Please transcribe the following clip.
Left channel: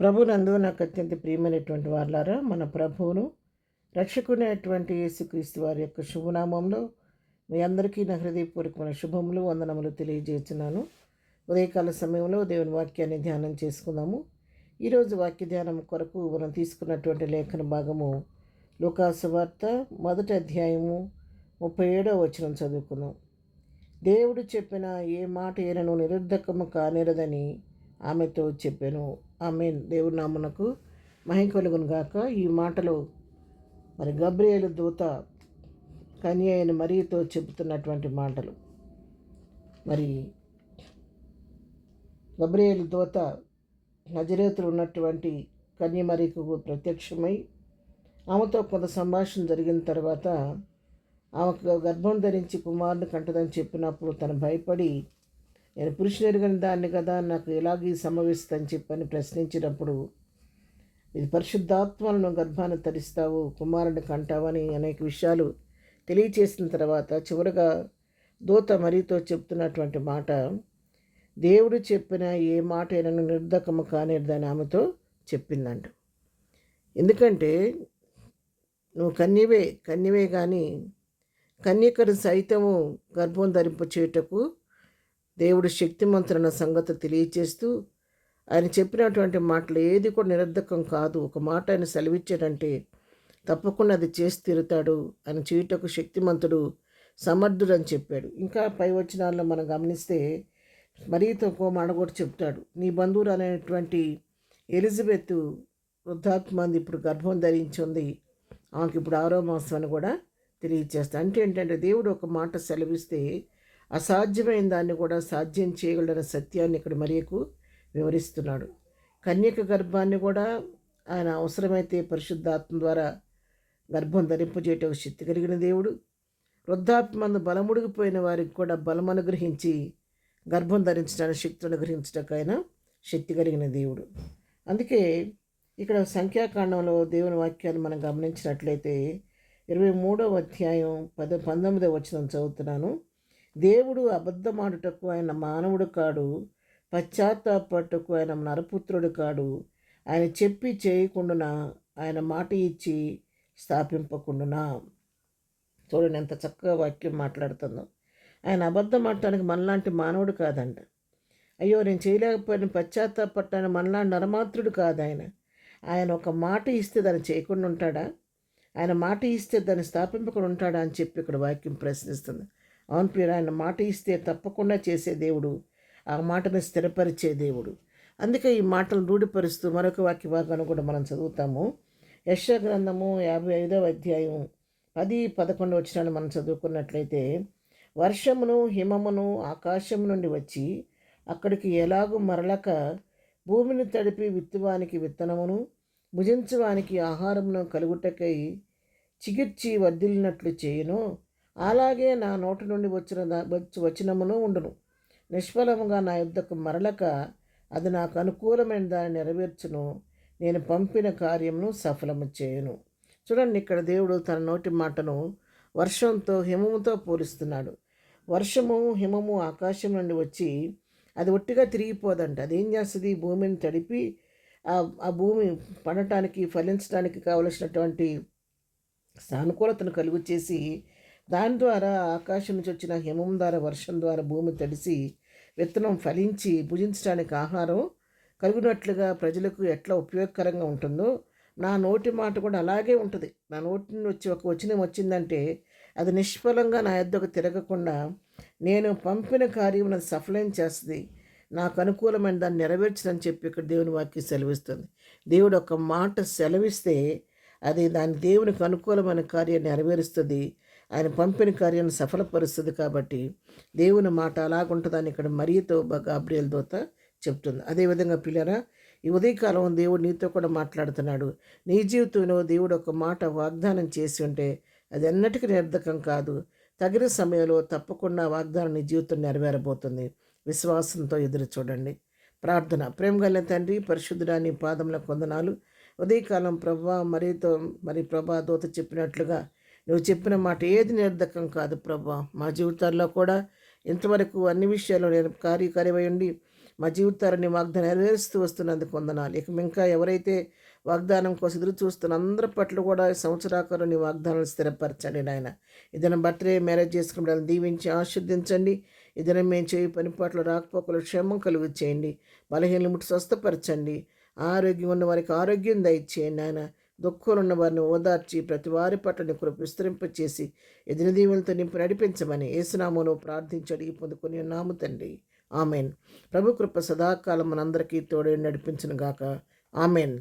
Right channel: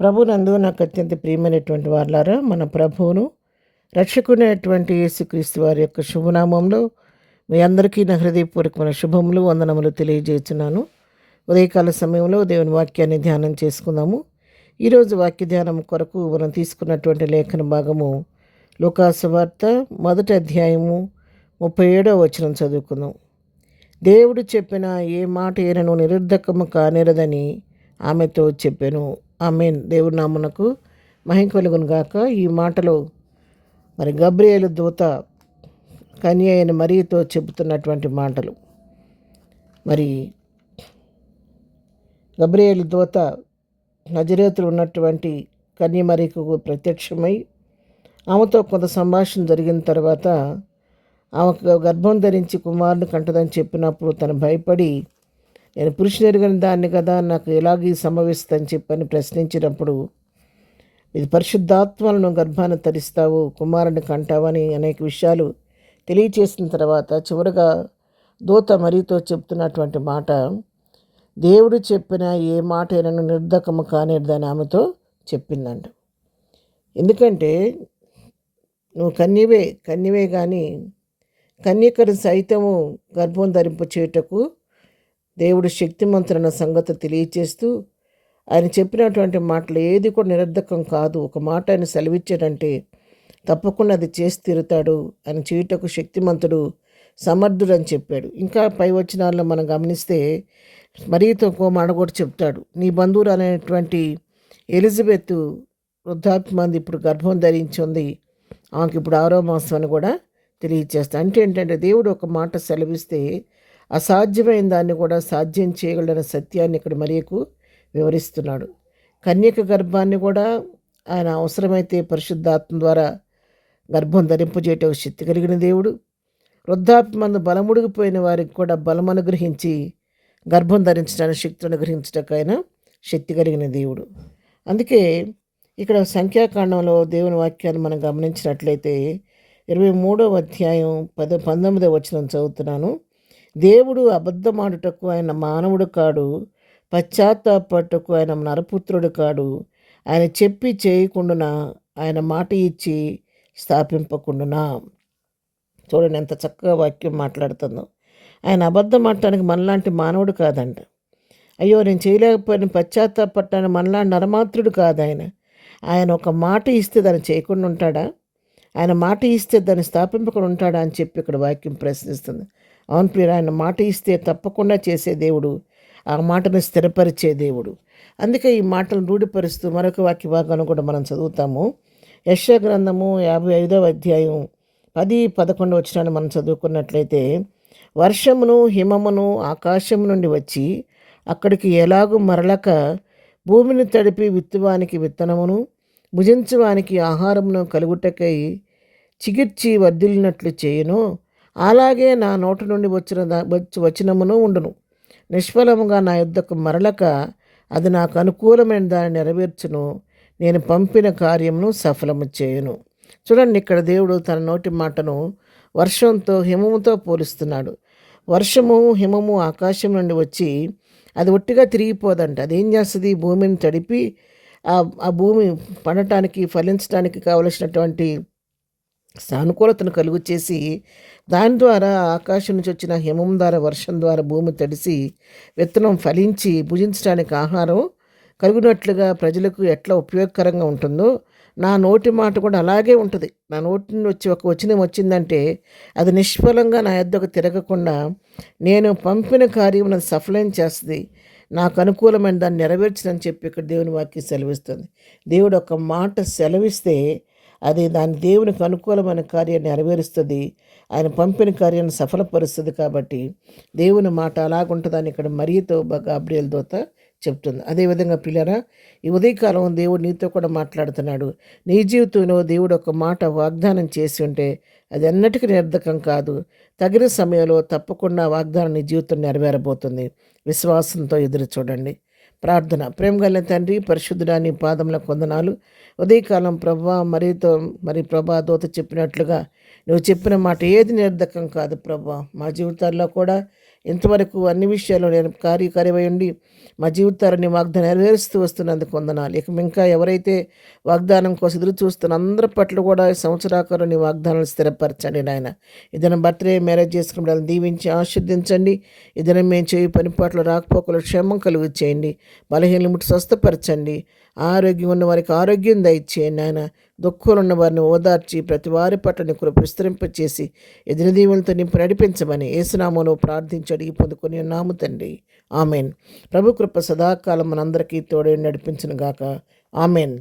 ప్రభునందు నాకు అత్యంత ప్రియమైనటువంటి వాళ్ళారా, మన ప్రభువును రక్షకునేటువంటి యేసుక్రీస్తు వారి యొక్క శుభనామంలో మీ అందరికీ నా హృదయపూర్వకమైన శుభములు వందనములు తెలియజేస్తున్నాను. ఉదయకాల సమయంలో దేవుని వాక్యాన్ని ధ్యానం చేసుకుందాము. ఈరోజు వాక్య ధ్యానం కొరకు మనం తీసుకున్నటువంటి లేఖన భాగము లూకాసు వార్త 1వ అధ్యాయము 37వ వచనం చదువుకుందాం. దేవుడు చెప్పిన ఏ మాట అయినను నిరర్ధకము కానేరదని ఆమెతో చెప్పాను. ఆమేన్. దేవుడి నామునకు మహిమ కలుగును గాక. ఈ మాటలో మరి గబ్రియేలు దూత కన్య అయిన మరియతో చెబుతున్నటువంటి మాటలు. మరి గబ్రియేలు దూత నజరేతులో ఉన్నటువంటి కన్య మరియకు ప్రత్యక్షమై ఆమెతో కొంత సంభాషణ జరిగిన తర్వాత ఆమెకు గర్భం ధరించి కుమారుని కంటదని చెప్పినప్పుడు తను భయపడి, నేను పురుషుని ఎరుగని దాన్ని కదా, నాకు ఎలాగీ సంభవిస్తుందని చెప్పని ప్రశ్నించినప్పుడు, ఇది పరిశుద్ధాత్మలను గర్భాన్ని తరిస్తావు, కుమారుని కంటావని అనేక విషయాలు తెలియచేసిన తర్వాత చివరగా దూత మరియతో చెప్తున్నటువంటి మాట, దేవుడు చెప్పిన ఏ మాట అయినా నిర్ధకము కానేదని ఆమెతో చెప్పిందంట. ఎందుకంటే నువ్వు కన్యవే కానీ కన్యకను సైతము గర్భం ధరింప చేయుటకు దేవుడు శక్తిమంతులన్న సంగతి తెలియచేస్తూ ఆయన చెప్పినటువంటి మాటలు ఏది కూడా నిరర్ధకం కాదు. ఒక మాట ఆయన సెలవిచ్చాడంటే తప్పకుండా అది చేసి తీరుతాడు. ఆయన చేయుటకు శక్తిమంతుడు, సమర్థుడు అని చెప్పాడు. ఇంకా పై వచనాల్లో మనం గమనిస్తే మరియతో ఇంకో మాట కూడా చెప్తాడు. నీ బంధువులు అనేటువంటి ఎలిజబెత్ వృద్ధాప్యమంది ఇప్పుడు గర్భం ధరించి ఉంది, ఆమెకి ఇప్పుడు 6వ మాసం అని కూడా తెలియచేస్తాడు. అంటే ఏంటంటే దేవుడు ఒక మాట సెలవిస్తే అసాధ్యమైన దాన్ని కూడా సాధ్యం చేయగలన సత్యాన్ని ఇక్కడ మరియకు వివరిస్తున్నాడు. కన్యక గర్భాన్ని కూడా ఆయన అవసరమైతే పరిశుద్ధాత్మ ద్వారా గర్భం ధరింపజేయటం శక్తి కలిగిన దేవుడు. వృద్ధాప్యమందు బలముడిగిపోయిన వారికి కూడా బలం అనుగ్రహించి గర్భం ధరించడానికి శక్తి అనుగ్రహించడానికైనా శక్తి కలిగిన దేవుడు. అందుకే ఇక్కడ సంఖ్యాకాండంలో దేవుని వాక్యాన్ని మనం గమనించినట్లయితే 23వ అధ్యాయం 19వ వచనం చదువుతున్నాను. దేవుడు అబద్ధమాడుటకు ఆయన మానవుడు కాడు, పశ్చాత్తాపట్టుకు ఆయన నరపుత్రుడు కాడు. ఆయన చెప్పి చేయకుండానా, ఆయన మాట ఇచ్చి స్థాపింపకుండానా. చూడండి ఎంత చక్కగా వాక్యం మాట్లాడుతుందో. ఆయన అబద్ధం ఆడటానికి మనలాంటి మానవుడు కాదంట. అయ్యో నేను చేయలేకపోయిన పశ్చాత్తాపట్టానికి మనలాంటి నరమాత్రుడు కాదు ఆయన. ఆయన ఒక మాట ఇస్తే దాన్ని చేయకుండా ఉంటాడా? ఆయన మాట ఇస్తే దాన్ని స్థాపింపకుండా ఉంటాడా అని చెప్పి ఇక్కడ వాక్యం ప్రశ్నిస్తుంది. అవును ప్రియుడు, ఆయన మాట ఇస్తే తప్పకుండా చేసే దేవుడు, ఆ మాటను స్థిరపరిచే దేవుడు. అందుకే ఈ మాటలను రూఢిపరుస్తూ మరొక వాక్య భాగాన్ని కూడా మనం చదువుతాము. యెషయా గ్రంథము 55వ అధ్యాయం 10-11 వచనాన్ని మనం చదువుకున్నట్లయితే, వర్షమును హిమమును ఆకాశం నుండి వచ్చి అక్కడికి ఎలాగూ మరలక భూమిని తడిపి విత్తువానికి విత్తనమును భుజించువానికి ఆహారమును కలుగుటకై చిగిర్చి వర్ధిల్లినట్లు చేయను, అలాగే నా నోటి నుండి వచనమును ఉండును. నిష్ఫలముగా నా యుద్ధకు మరలక అది నాకు అనుకూలమైన దాన్ని నెరవేర్చును. నేను పంపిన కార్యమును సఫలము చేయను. చూడండి, ఇక్కడ దేవుడు తన నోటి మాటను వర్షంతో హిమముతో పోలుస్తున్నాడు. వర్షము హిమము ఆకాశం నుండి వచ్చి అది ఒట్టిగా తిరిగిపోదంట. అది ఏం చేస్తుంది? భూమిని తడిపి ఆ భూమి పండటానికి, ఫలించడానికి కావలసినటువంటి సానుకూలతను కలుగు చేసి, దాని ద్వారా ఆకాశం నుంచి వచ్చిన హిమం ద్వారా, వర్షం ద్వారా భూమి తడిసి విత్తనం ఫలించి భుజించడానికి ఆహారం కలుగునట్లుగా ప్రజలకు ఎట్లా ఉపయోగకరంగా ఉంటుందో నా నోటి మాట కూడా అలాగే ఉంటుంది. నా నోటి నుండి వచ్చి ఒక వచనం వచ్చిందంటే అది నిష్ఫలంగా నా యొద్దకు తిరగకుండా నేను పంపిన కార్యం నన్ను సఫలం చేస్తుంది, నాకు అనుకూలమైన దాన్ని నెరవేర్చదని చెప్పి ఇక్కడ దేవుని వాక్యం సెలవిస్తుంది. దేవుడు ఒక మాట సెలవిస్తే అది దాని దేవునికి అనుకూలమైన కార్యాన్ని నెరవేరుస్తుంది, ఆయన పంపిన కార్యాన్ని సఫలపరుస్తుంది. కాబట్టి దేవుని మాట అలాగుంటుందని ఇక్కడ మరియతో గబ్రియేలు దూత చెప్తుంది. అదేవిధంగా పిల్లరా, ఈ ఉదయకాలం దేవుడు నీతో కూడా మాట్లాడుతున్నాడు. నీ జీవితంలో దేవుడు ఒక మాట వాగ్దానం చేసి ఉంటే అది ఎన్నటికీ నిరర్ధకం కాదు. తగిన సమయంలో తప్పకుండా వాగ్దానం నీ జీవితం నెరవేరబోతుంది. విశ్వాసంతో ఎదురు చూడండి. ప్రార్థన. ప్రేమగల తండ్రి, పరిశుద్ధుడా, నీ పాదములకు వందనాలు. ఉదయకాలం ప్రభా ప్రభా దూత చెప్పినట్లుగా నువ్వు చెప్పిన మాట ఏది నిరర్ధకం కాదు ప్రభా. మా జీవితాల్లో కూడా ఇంతవరకు అన్ని విషయాల్లో నేను కార్యకరమై ఉండి మా జీవితాన్ని వాగ్దానం నెరవేరుస్తూ వస్తున్నందుకు వందనాలు. ఇక ఇంకా ఎవరైతే వాగ్దానం కోసం ఎదురు చూస్తున్న అందరి పట్ల కూడా ఈ సంవత్సరాకాలం నీ వాగ్దానాలు స్థిరపరచండి నాయన. ఇదైనా బర్త్డే మ్యారేజ్ చేసుకుని వాళ్ళని దీవించి ఆశీర్దించండి. ఇదైనా మేము చేయి పని పట్ల రాకపోకలు క్షేమం కలుగు చేయండి. బలహీనలు ముట్టి స్వస్థపరచండి. ఆరోగ్యం ఉన్న వారికి ఆరోగ్యం దయచేయండి నాయన. దుఃఖంలో ఉన్న వారిని ఓదార్చి ప్రతి వారి పట్ల నీ కృప విస్తరింపచేసి ఎదిన దీవులతో నింపు నడిపించమని యేసునామములో ప్రార్థించి అడిగి పొందుకొని ఉన్నాము తండ్రి. ఆమెన్. ప్రభు కృప సదాకాలం మనందరికీ తోడే నడిపించును గాక. ఆమెన్.